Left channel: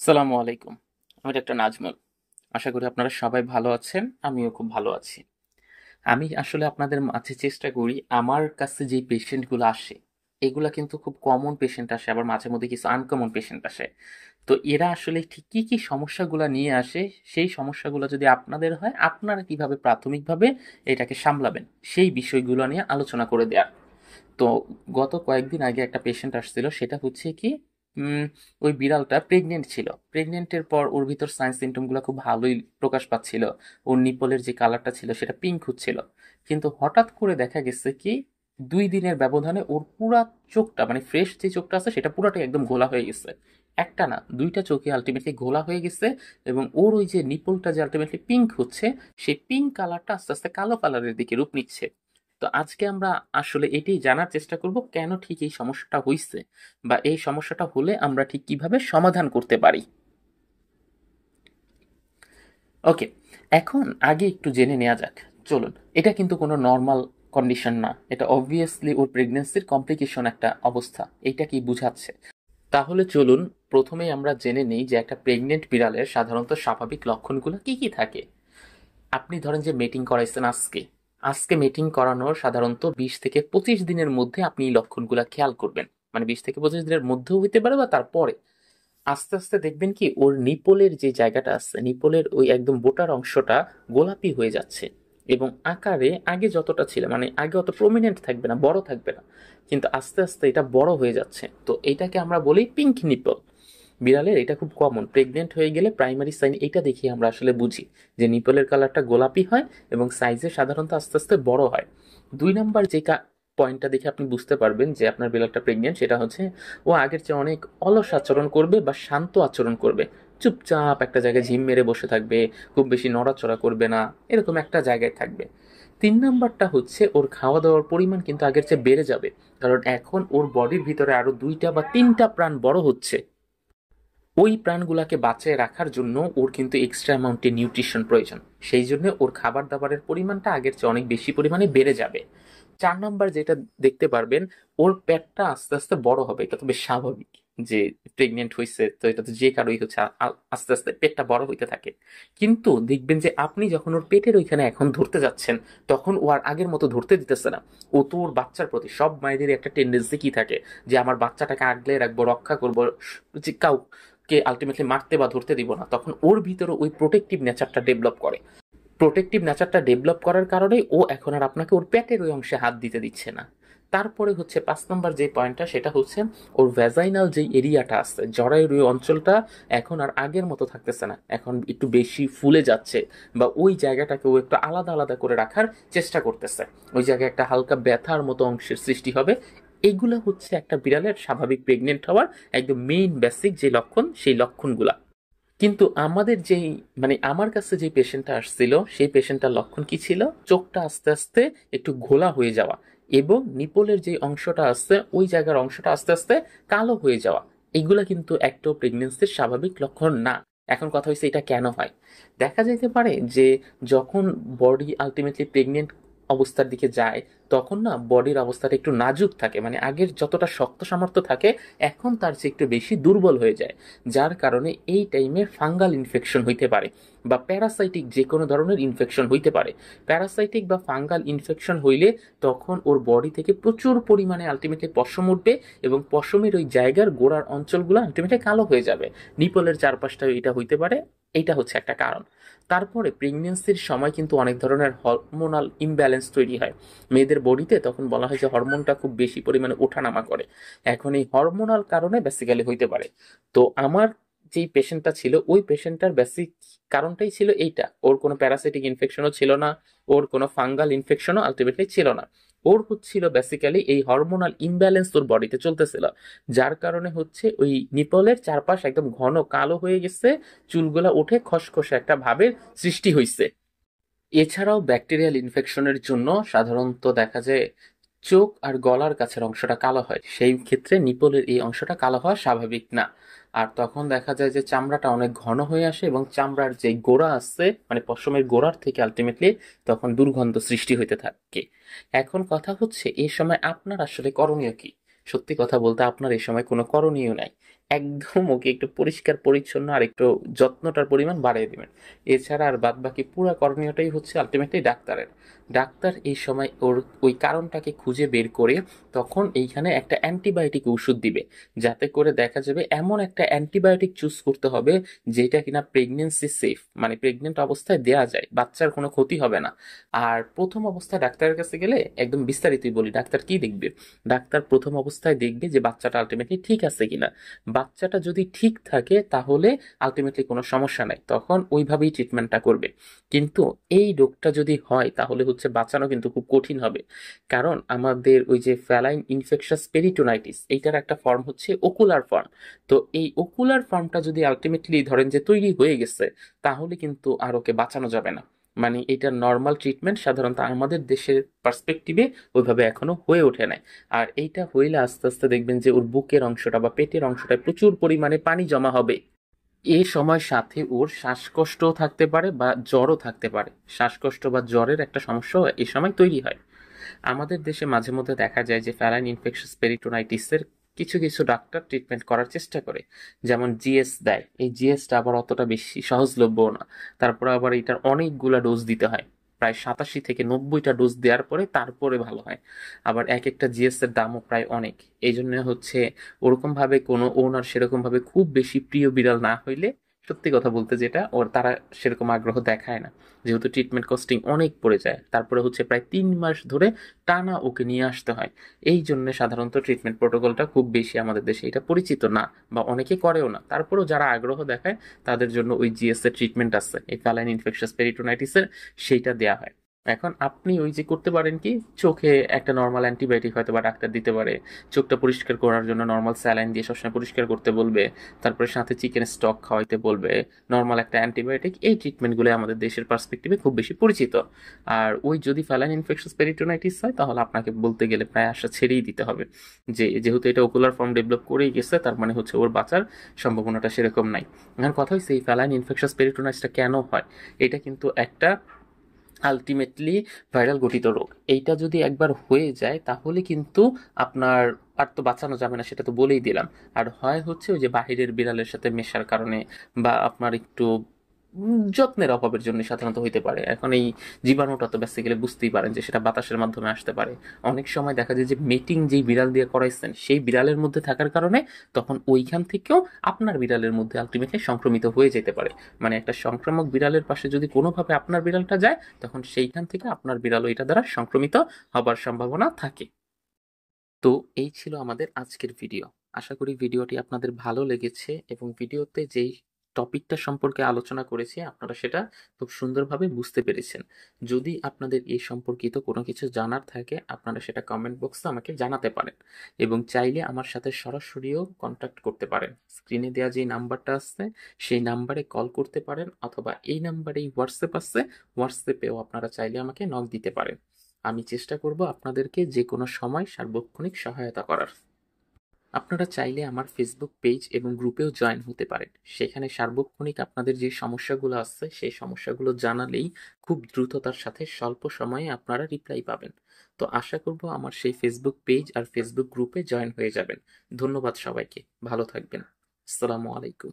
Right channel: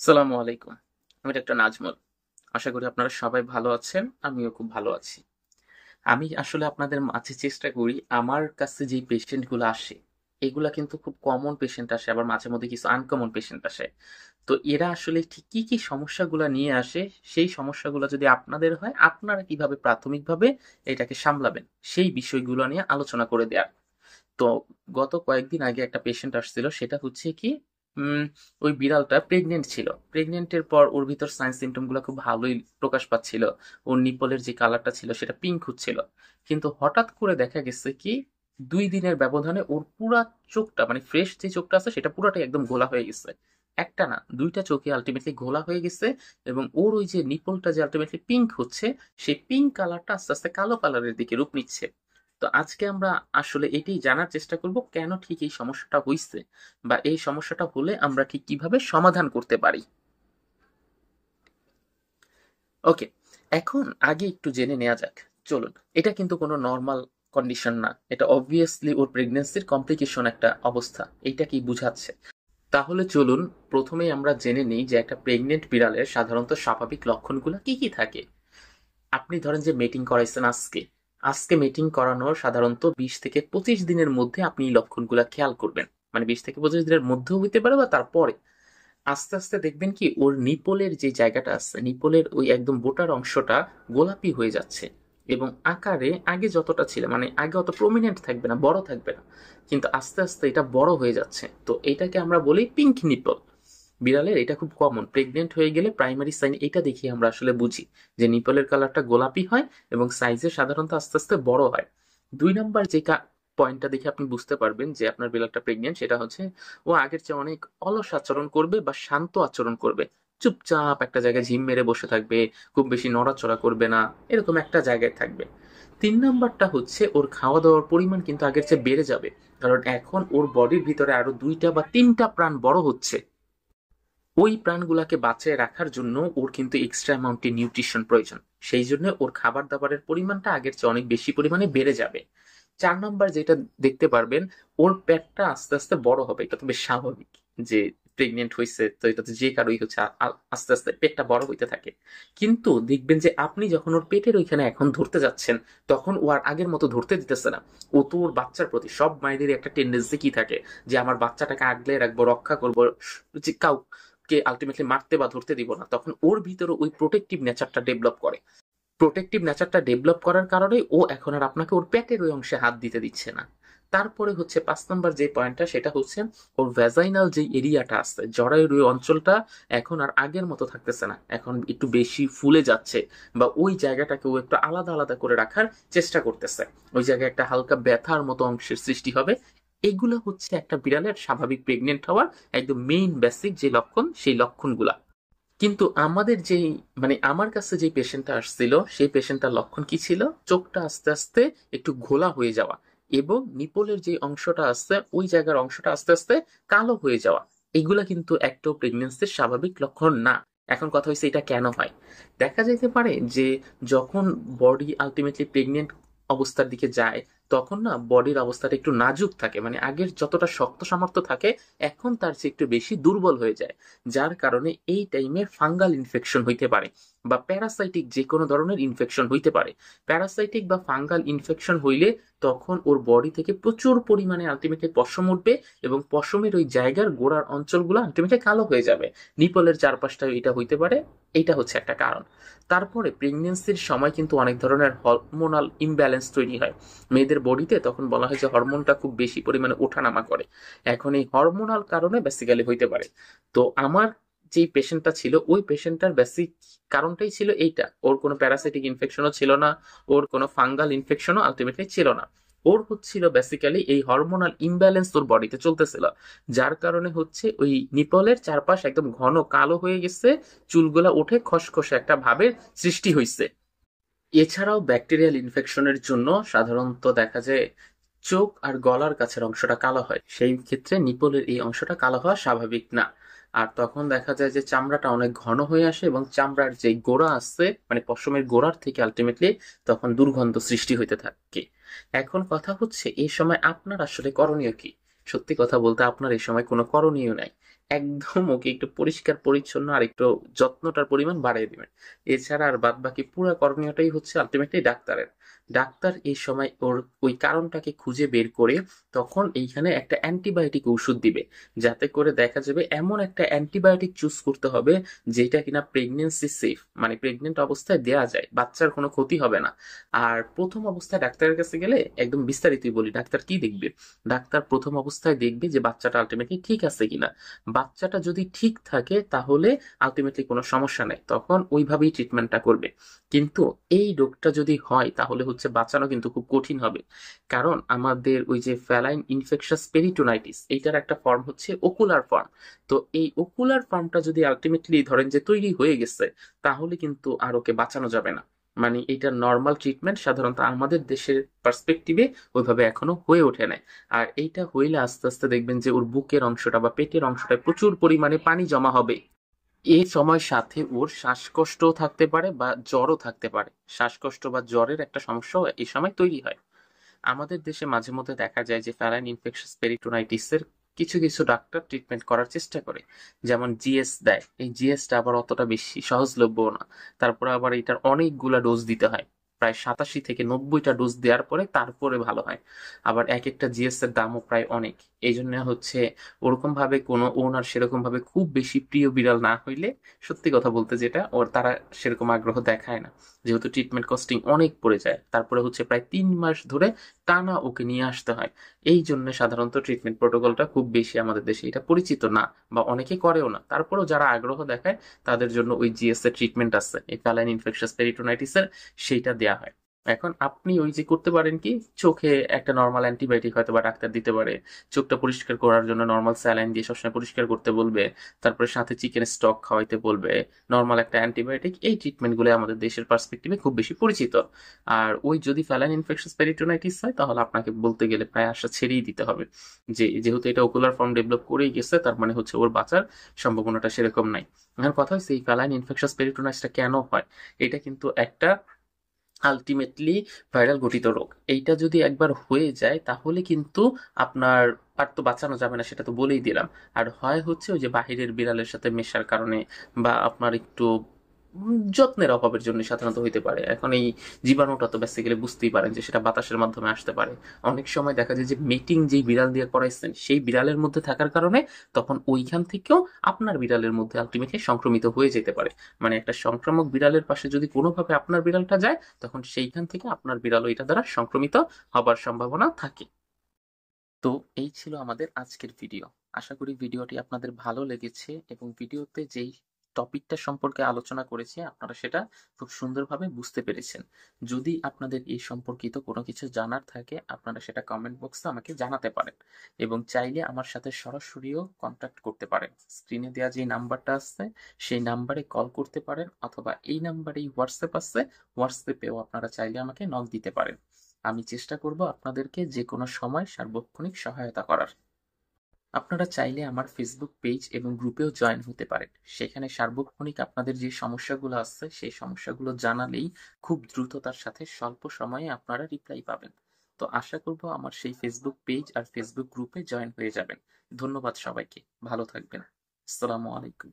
সালামু আলাইকুম। আমি ডাক্তার নাজমুল। আশা করি আপনারা সবাই ভালো আছেন। আমিও খুব ভালো আছি। আমি আসলে আপনাদের মাঝে চেষ্টা করি আমার কাছে যেই পেশেন্টগুলো আসে, এগুলা কিন্তু খুব কমন পেশেন্ট আসে, আবার মাঝে মধ্যে কিছু আনকমন পেশেন্ট আসে। তো এরা আসলে ঠিক কি সমস্যাগুলা নিয়ে আসে, সেই সমস্যাগুলো যদি আপনাদের হয়, আপনারা কিভাবে প্রাথমিকভাবে এটাকে সামলাবেন, সেই বিষয়গুলো নিয়ে আলোচনা করে দেয়া। তো গত কয়েকদিন আগে একটা পেশেন্ট আসছিল, সেটা হচ্ছে কি উম, ওই বিড়ালটা প্রেগনেন্ট ছিল। প্রেগনেন্টের পর ওর ভিতর সাইন সিমটম গুলো খুব ভালোই প্রকাশ পাচ্ছিল। ওর নিপলের যে কালারটা ছিল সেটা পিঙ্ক হচ্ছিল। কিন্তু হঠাৎ করে দেখা গেছে কি 2 দিনের ব্যবধানে ওর পুরা চোখটা, মানে ফ্রেশ যে চোখটা আছে সেটা পুরাটাই একদম ঘোলা হয়ে গেছে। একটা না, দুইটা চোখে আলটিমেটলি ঘোলা হয়ে গেছে। এবং ওর ওই যে নিপলটা যে আলটিমেটলি পিঙ্ক হচ্ছে, সেই পিঙ্ক কালারটা আস্তে আস্তে কালো কালারের দিকে রূপ নিচ্ছে। তো আজকে আমরা আসলে এটাই জানার চেষ্টা করব কেন ঠিক এই সমস্যাটা হইছে, বা এই সমস্যাটা হলে আমরা ঠিক কিভাবে সমাধান করতে পারি। ওকে, এখন আগে একটু জেনে নেওয়া যাক। চলুন, এটা কিন্তু কোনো নর্মাল কন্ডিশন না, এটা অবভিয়াসলি ওর প্রেগন্যান্সির কমপ্লিকেশন একটা অবস্থা। এইটা কি বুঝাচ্ছে? তাহলে চলুন প্রথমেই আমরা জেনে নিই যে একটা প্রেগনেন্ট বিড়ালের সাধারণত স্বাভাবিক লক্ষণগুলো কি কি থাকে। আপনি ধরেন যে মিটিং করাইছেন আজকে, আজকে মিটিং করানোর সাধারণত 20 থেকে 25 দিনের মধ্যে আপনি এই লক্ষণগুলো খেয়াল করবেন। মানে 20 থেকে 25 দিনের মধ্যেও হইতে পারে বা তারপরে। আস্তে আস্তে দেখবেন কি ওর নিপলের যে জায়গাটা আছে, নিপলের ওই একদম বোটার অংশটা গোলাপি হয়ে যাচ্ছে। এবং আকারে আগে যতটা ছিল, মানে আগে অত প্রমিনেন্ট থাকবে না, বড় থাকবে না, কিন্তু আস্তে আস্তে এটা বড় হয়ে যাচ্ছে। তো এটাকে আমরা বলি পিঙ্ক নিপল। বিড়ালের এটা খুব কমন, প্রেগনেন্ট হয়ে গেলে প্রাইমারি সাইন এটা দেখি আমরা আসলে বুঝি যে নিপলের কালারটা গোলাপি হয় এবং সাইজে সাধারণত আস্তে আস্তে বড় হয়। 2 নাম্বার যে পয়েন্টটা দেখে আপনি বুঝতে পারবেন যে আপনার বিড়ালটা প্রেগনেন্ট, সেটা হচ্ছে ও আগের চেয়ে অনেক অলস আচরণ করবে বা শান্ত আচরণ করবে। চুপচাপ একটা জায়গায় ঝিম মেরে বসে থাকবে, খুব বেশি নড়াচড়া করবে না, এরকম একটা জায়গায় থাকবে। 3 নাম্বারটা হচ্ছে ওর খাওয়া দাওয়ার পরিমাণ কিন্তু আগের চেয়ে বেড়ে যাবে, কারণ এখন ওর বডির ভিতরে আরো 2টা বা 3টা প্রাণ বড় হচ্ছে। ওই প্রাণগুলাকে বাঁচিয়ে রাখার জন্য ওর কিন্তু এক্সট্রা অ্যামাউন্টে নিউট্রিশন প্রয়োজন। সেই জন্য ওর খাবার দাবারের পরিমাণটা আগের চেয়ে অনেক বেশি পরিমাণে বেড়ে যাবে। 4 নাম্বার যেটা দেখতে পারবেন, ওর পেটটা আস্তে আস্তে বড় হবে। এটা তো বেশ স্বাভাবিক যে প্রেগনেন্ট হয়েছে, তো এটা তো যে কারোই হচ্ছে, আস্তে আস্তে পেটটা বড় হইতে থাকে। কিন্তু দেখবেন যে আপনি যখন ওর পেটের ওইখানে এখন ধরতে যাচ্ছেন, তখন ও আর আগের মতো ধরতে দিতেছে না। ও তো ওর বাচ্চার প্রতি, সব মায়েদের একটা টেন্ডেন্সি কি থাকে যে আমার বাচ্চাটাকে আগলে রাখবো, রক্ষা করবো, যে কাউকে আলটিমেটলি মারতে বা ধরতে দিব না। তখন ওর ভিতরে ওই প্রোটেক্টিভ নেচারটা ডেভেলপ করে। প্রোটেক্টিভ নেচারটা ডেভেলপ করার কারণেই ও এখন আর আপনাকে ওর পেটের ওই অংশে হাত দিতে দিচ্ছে না। তারপরে হচ্ছে 5 নম্বর যে পয়েন্টটা, সেটা হচ্ছে ওর ভ্যাজাইনাল যে এরিয়াটা আছে, জরায়ুর ওই অঞ্চলটা এখন আর আগের মতো থাকতেছে না, এখন একটু বেশি ফুলে যাচ্ছে। বা ওই জায়গাটাকে ও একটু আলাদা আলাদা করে রাখার চেষ্টা করতেছে। ওই জায়গায় একটা হালকা ব্যথার মতো অংশের সৃষ্টি হবে। এগুলো হচ্ছে একটা বিড়ালের স্বাভাবিক প্রেগনেন্ট হওয়ার একদম মেইন বেসিক যে লক্ষণ, সেই লক্ষণগুলা। কিন্তু আমাদের যেই, মানে আমার কাছে যে পেশেন্টটা আসছিল, সেই পেশেন্টটার লক্ষণ কি ছিল? চোখটা আস্তে আস্তে একটু ঘোলা হয়ে যাওয়া, এবং নিপলের যে অংশটা আছে ওই জায়গার অংশটা আস্তে আস্তে কালো হয়ে যাওয়া। এগুলা কিন্তু একটা প্রেগনেন্সির স্বাভাবিক লক্ষণ না। এখন কথা হচ্ছে এটা কেন হয়। দেখা যেতে পারে যে যখন বডি আলটিমেটলি প্রেগনেন্ট অবস্থার দিকে যায়, তখন না বডির অবস্থাটা একটু নাজুক থাকে, মানে আগের যতটা শক্ত সামর্থ্য থাকে এখন তার চেয়ে একটু বেশি দুর্বল হয়ে যায়। যার কারণে এই টাইমে ফাঙ্গাল ইনফেকশন হইতে পারে, বা প্যারাসাইটিক যে কোনো ধরনের ইনফেকশন হইতে পারে। প্যারাসাইটিক বা ফাঙ্গাল ইনফেকশন হইলে তখন ওর বডি থেকে প্রচুর পরিমাণে আলটিমেটলি পশম উঠবে, এবং পশমের ওই জায়গার গোড়ার অঞ্চলগুলো আলটিমেটলি কালো হয়ে যাবে। নিপলের চারপাশটা এটা হইতে পারে। এটা হচ্ছে একটা কারণ। তারপরে প্রেগনেন্সির সময় কিন্তু অনেক ধরনের হরমোনাল ইমব্যালেন্স তৈরি হয় মেয়েদের বডিতে। তখন বলা হয় যে হরমোনটা খুব বেশি পরিমাণে ওঠানামা করে। এখন এই হরমোনাল কারণে বেসিক্যালি হইতে পারে। তো আমার যেই পেশেন্টটা ছিল, ওই পেশেন্টটার বেসিক কারণটাই ছিল এইটা। ওর কোনো প্যারাসাইটিক ইনফেকশনও ছিল না, ওর কোনো ফাঙ্গাল ইনফেকশনও আলটিমেটলি ছিল না। ওর হচ্ছিল বেসিক্যালি এই হরমোনাল ইমব্যালেন্স ওর বডিতে চলতেছিল, যার কারণে হচ্ছে ওই নিপলের চারপাশ একদম ঘন কালো হয়ে গেছে, চুলগুলা উঠে খসখসে একটা ভাবের সৃষ্টি হয়েছে। এছাড়াও ব্যাকটেরিয়াল ইনফেকশনের জন্য সাধারণত দেখা যায় চোখ আর গলার কাছের অংশটা কালো হয়। সেই ক্ষেত্রে নিপলের এই অংশটা কালো হওয়া স্বাভাবিক না। আর তখন দেখা যায় যে চামড়াটা অনেক ঘন হয়ে আসে, এবং চামড়ার যে গোড়া আছে, মানে পশমের গোড়ার থেকে আলটিমেটলি তখন দুর্গন্ধ সৃষ্টি হইতে থাকে। এখন কথা হচ্ছে এই সময় আপনার আসলে করণীয় কি? সত্যি কথা বলতে আপনার এই সময় কোনো করণীয় নাই। একদম ওকে একটু পরিষ্কার পরিচ্ছন্ন আর একটু যত্নটার পরিমাণ বাড়িয়ে দিবেন। এছাড়া আর বাদ বাকি পুরো করণীয়টাই হচ্ছে আলটিমেটলি ডাক্তারের। ডাক্তার এই সময় ওর ওই কারণটাকে খুঁজে বের করে তখন এইখানে একটা অ্যান্টিবায়োটিক ওষুধ দিবে, যাতে করে দেখা যাবে এমন একটা অ্যান্টিবায়োটিক চুজ করতে হবে যেটা কিনা প্রেগনেন্সি সেফ, মানে প্রেগনেন্ট অবস্থায় দেয়া যায়, বাচ্চার কোনো ক্ষতি হবে না। আর প্রথম অবস্থায় ডাক্তারের কাছে গেলে একদম বিস্তারিতই বলি, ডাক্তার কি দেখবে? ডাক্তার প্রথম অবস্থায় দেখবে যে বাচ্চাটা আলটিমেটলি ঠিক আছে কিনা। বাচ্চাটা যদি ঠিক থাকে তাহলে আলটিমেটলি কোনো সমস্যা নাই, তখন ওইভাবেই ট্রিটমেন্টটা করবে। কিন্তু এই রোগটা যদি হয় তাহলে হচ্ছে বাঁচানো কিন্তু খুব কঠিন হবে। কারণ আমাদের ওই যে ফ্যালাইন ইনফেকশাস পেরিটোনাইটিস, এইটার একটা ফর্ম হচ্ছে ওকুলার ফর্ম। তো এই ওকুলার ফর্মটা যদি আলটিমেটলি ধরেন যে তৈরি হয়ে গেছে, তাহলে কিন্তু আর ওকে বাঁচানো যাবে না। মানে এটা নর্মাল ট্রিটমেন্ট সাধারণত আমাদের দেশের পার্সপেক্টিভে ওইভাবে এখনো হয়ে ওঠে নাই। আর এইটা হইলে আস্তে আস্তে দেখবেন যে ওর বুকের অংশটা বা পেটের অংশটায় প্রচুর পরিমাণে পানি জমা হবে। এ সময় সাথে ওর শ্বাসকষ্টও থাকতে পারে বা জ্বরও থাকতে পারে। শ্বাসকষ্ট বা জ্বরের একটা সমস্যাও এই সময় তৈরি হয়। আমাদের দেশে মাঝে মধ্যে দেখা যায় যে ফ্যালাইন ইনফেকশাস পেরিটোনাইটিসের কিছু কিছু ডাক্তার ট্রিটমেন্ট করার চেষ্টা করে, যেমন জিএস দেয়। এই জিএসটা আবার অতটা বেশি সহজলভ্য না। তারপরে আবার এটার অনেকগুলা ডোজ দিতে হয়, প্রায় 87 থেকে 90টা ডোজ দেওয়ার পরে তারপরে ভালো হয়। আবার এক একটা জিএস এর দামও প্রায় অনেক। এই জন্য হচ্ছে ওরকম ভাবে কোনো ওনার সেরকম ভাবে খুব বেশি প্রিয় বিড়াল না হইলে, সত্যি কথা বলতে যেটা ওর তারা সেরকম আগ্রহ দেখায় না, যেহেতু ট্রিটমেন্ট কস্টিং অনেক পড়ে যায়। তারপরে হচ্ছে প্রায় 3 মাস ধরে টানা ওকে নিয়ে আসতে হয়। এই জন্য সাধারণত ট্রিটমেন্ট প্রোটোকলটা খুব বেশি আমাদের দেশে এটা পরিচিত না, বা অনেকে করেও না। তারপরেও যারা আগ্রহ দেখায় তাদের জন্য ওই জিএস এর ট্রিটমেন্ট আছে, এই ফ্যালাইন ইনফেকশাস পেরিটোনাইটিসের, সেইটা দেয়া হয়। এখন আপনি ওই যে করতে পারেন কি, চোখে একটা নর্মাল অ্যান্টিবায়োটিক হয়তো বা ডাক্তার দিতে পারে, চোখটা পরিষ্কার করার জন্য নর্মাল স্যালাইন দিয়ে সবসময় পরিষ্কার করতে বলবে, তারপরে সাথে চিকেন স্টক খাওয়াইতে বলবে, নর্মাল একটা অ্যান্টিবায়োটিক। এই ট্রিটমেন্টগুলো আমাদের দেশের পার্সপেক্টিভে খুব বেশি পরিচিত। আর ওই যদি ফ্যালাইন ইনফেকশাস পেরিটোনাইটিস হয় তাহলে আপনাকে বলতে গেলে প্রায় আশা ছেড়েই দিতে হবে, যে যেহেতু এটা ওকুলার ফর্ম ডেভেলপ করেই গেছে, তার মানে হচ্ছে ওর বাঁচার সম্ভাবনাটা সেরকম নাই। এখন কথা হচ্ছে এই ফ্যালাইন ইনফেকশাস পেরিটোনাইটিসটা কেন হয়। এটা কিন্তু একটা আলটিমেটলি ভাইরাল গঠিত রোগ। এইটা যদি একবার হয়ে যায় তাহলে কিন্তু আপনার আর তো বাঁচানো যাবে না, সেটা তো বলেই দিলাম। আর হয় হচ্ছে ওই যে বাহিরের বিড়ালের সাথে মেশার কারণে, বা আপনার একটু যত্নের অভাবের জন্য সাধারণত হইতে পারে। এখন এই জীবাণুটা তো বেসিক্যালি বুঝতেই পারেন যে সেটা বাতাসের মাধ্যমে আসতে পারে। অনেক সময় দেখা যায় যে মিটিং যেই বিড়াল দিয়ে করাইছেন সেই বিড়ালের মধ্যে থাকার কারণে তখন ওইখান থেকেও আপনার বিড়ালের মধ্যে আলটিমেটলি সংক্রমিত হয়ে যেতে পারে। মানে একটা সংক্রামক বিড়ালের পাশে যদি কোনোভাবে আপনার বিড়ালটা যায়, তখন সেইখান থেকে আপনার বিড়াল ওইটা দ্বারা সংক্রমিত হবার সম্ভাবনা থাকে। তো এই ছিল আমাদের আজকের ভিডিও। আশা করি ভিডিওটি আপনাদের ভালো লেগেছে এবং ভিডিওতে যেই টপিকটা সম্পর্কে আলোচনা করেছি আপনারা সেটা খুব সুন্দরভাবে বুঝতে পেরেছেন। যদি আপনাদের এই সম্পর্কিত কোনো কিছু জানার থাকে আপনারা সেটা কমেন্ট বক্সে আমাকে জানাতে পারেন, এবং চাইলে আমার সাথে সরাসরিও কন্ট্যাক্ট করতে পারেন। স্ক্রিনে দেওয়া যে নাম্বারটা আছে সেই নাম্বারে কল করতে পারেন, অথবা এই নাম্বারেই হোয়াটসঅ্যাপ আছে, হোয়াটসঅ্যাপেও আপনারা চাইলে আমাকে নক দিতে পারেন। আমি চেষ্টা করব আপনাদেরকে যে কোনো সময় সার্বক্ষণিক সহায়তা করার। আপনারা চাইলে আমার ফেসবুক পেজ এবং গ্রুপেও জয়েন হতে পারেন। সেখানে সার্বক্ষণিক আপনাদের যে সমস্যাগুলো আছে সেই সমস্যাগুলো জানালেই খুব দ্রুততার সাথে স্বল্প সময়ে আপনারা রিপ্লাই পাবেন। তো আশা করব আমার সেই ফেসবুক পেজ আর ফেসবুক গ্রুপে জয়েন হয়ে যাবেন। ধন্যবাদ সবাইকে, ভালো থাকবেন। আসসালামু আলাইকুম।